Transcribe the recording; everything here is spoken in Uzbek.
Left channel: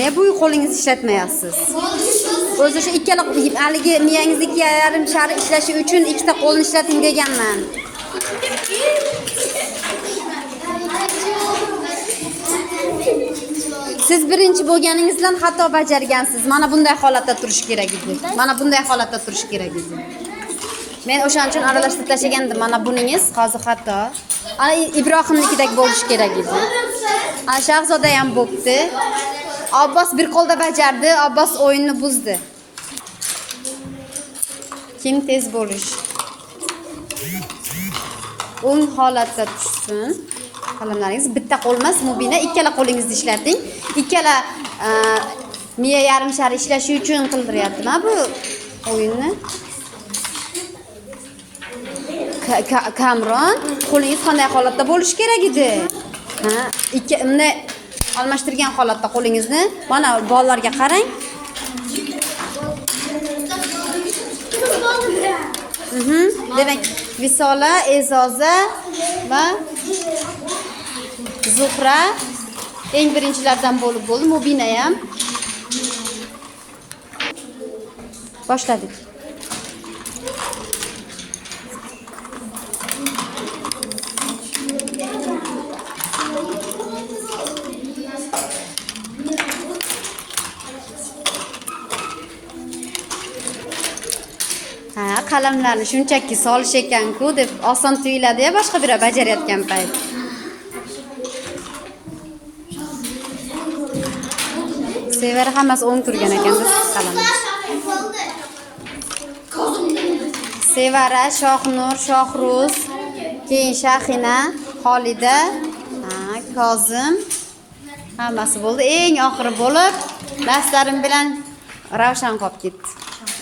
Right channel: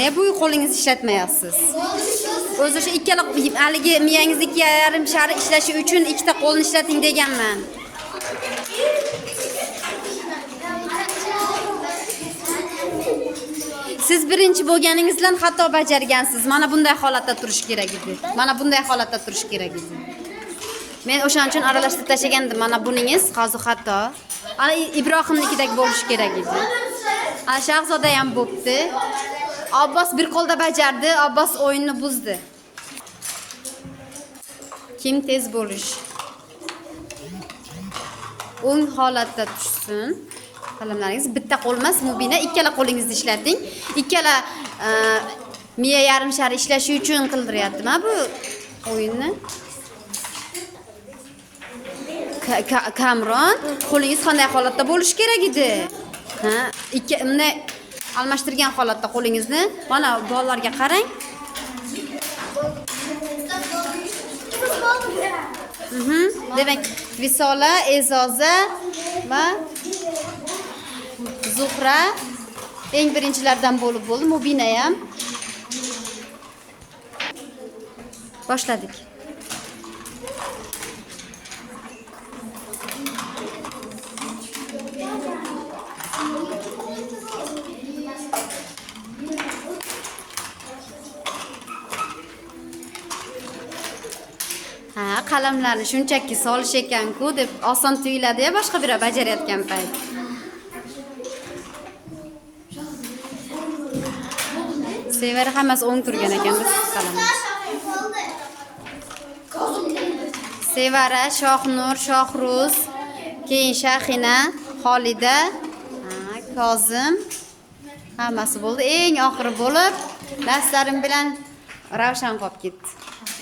Ne bu qo'lingizni ishlatmayapsiz? O'zi shu ikkala haligi miyangiz 2,5 shari ishlashi uchun ikkita qo'lni ishlating deganman. Siz birinchi bo'lganingizdan xato bajargansiz. Mana bunday holatda turish kerak edi. Mana bunday holatda turish kerak edi. Men o'shaning uchun aralashtirib tashlagandim. Mana buningiz hozir xato. Ana Ibrohimnikidek bo'lish kerak edi. Ana Shahzoda ham bo'pti. Abbos bir qo'lda bajardi, Abbos o'yinni buzdi. Kim tez bo'lish? O'ng holatda tushsin. Qalamlaringiz bitta qo'l emas, Mubina ikkala qo'lingizni ishlating. Ikkala miya yarim shari ishlashi uchun qildiryapti-ma bu o'yinni. Kamron, qo'lingiz qanday holatda bo'lishi kerak edi? Ha, ikkini almashtirgan holatda qo'lingizni mana bollarga qarang. Demak, Visola, Ezoza va Zuhra eng birinchilardan bo'lib bo'ldi. Mubina ham. Boshladik. Ha, qalamlarni shunchaki solish ekan-ku deb oson tuyuladi-ya boshqa biri bajarayotgan payt. Sevara hammasi o'ng turgan ekan biz qalamni. Sevara, Shohnur, Shohruz, keyin Shahina, Xolida, Kozim hammasi bo'ldi. Eng oxiri bo'lib, dastarim bilan Ravshan qolib ketdi.